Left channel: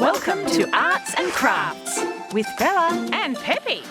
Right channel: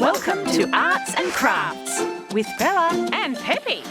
Welcome to Arts and Crafts with Bella and Pepe.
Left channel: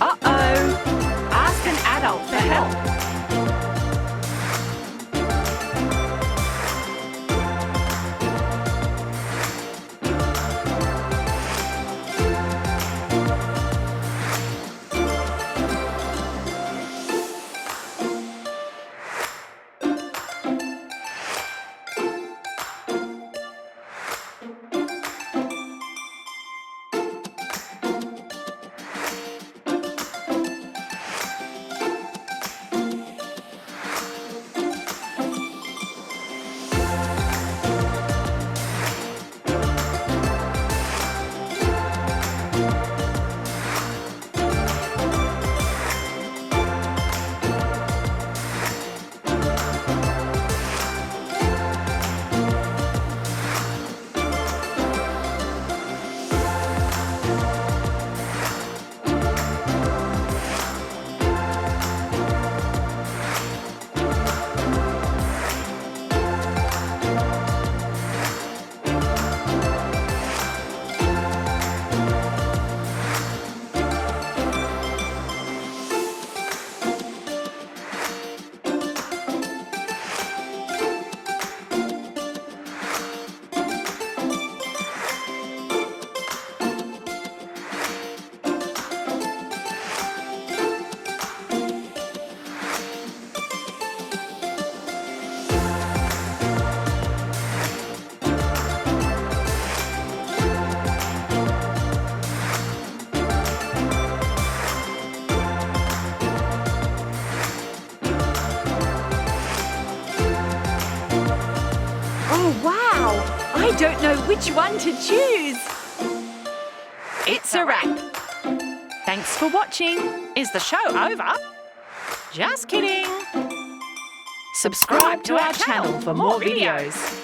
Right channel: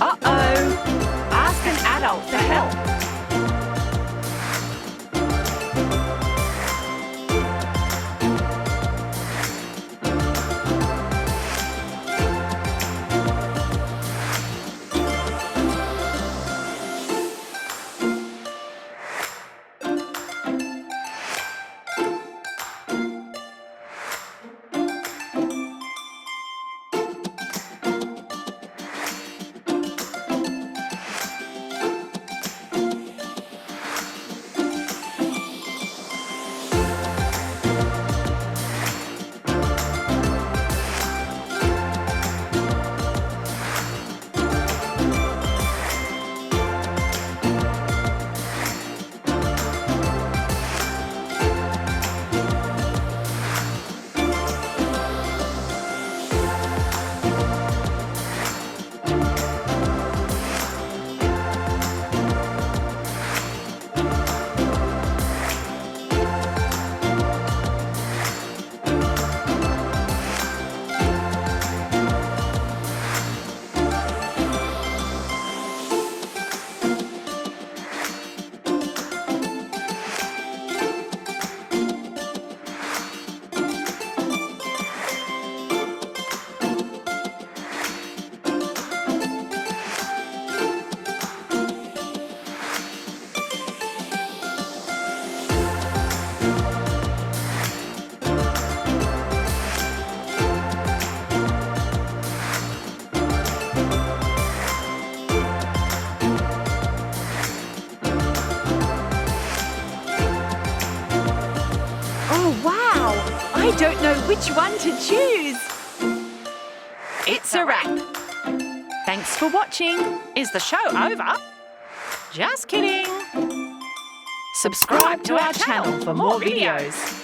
Uh-oh! Ask an adult for help. Oh, wow! I don't know which one to choose. It's a wrap. Thanks for watching. Is the show over? Just kidding. Subscribe to our channel for more videos.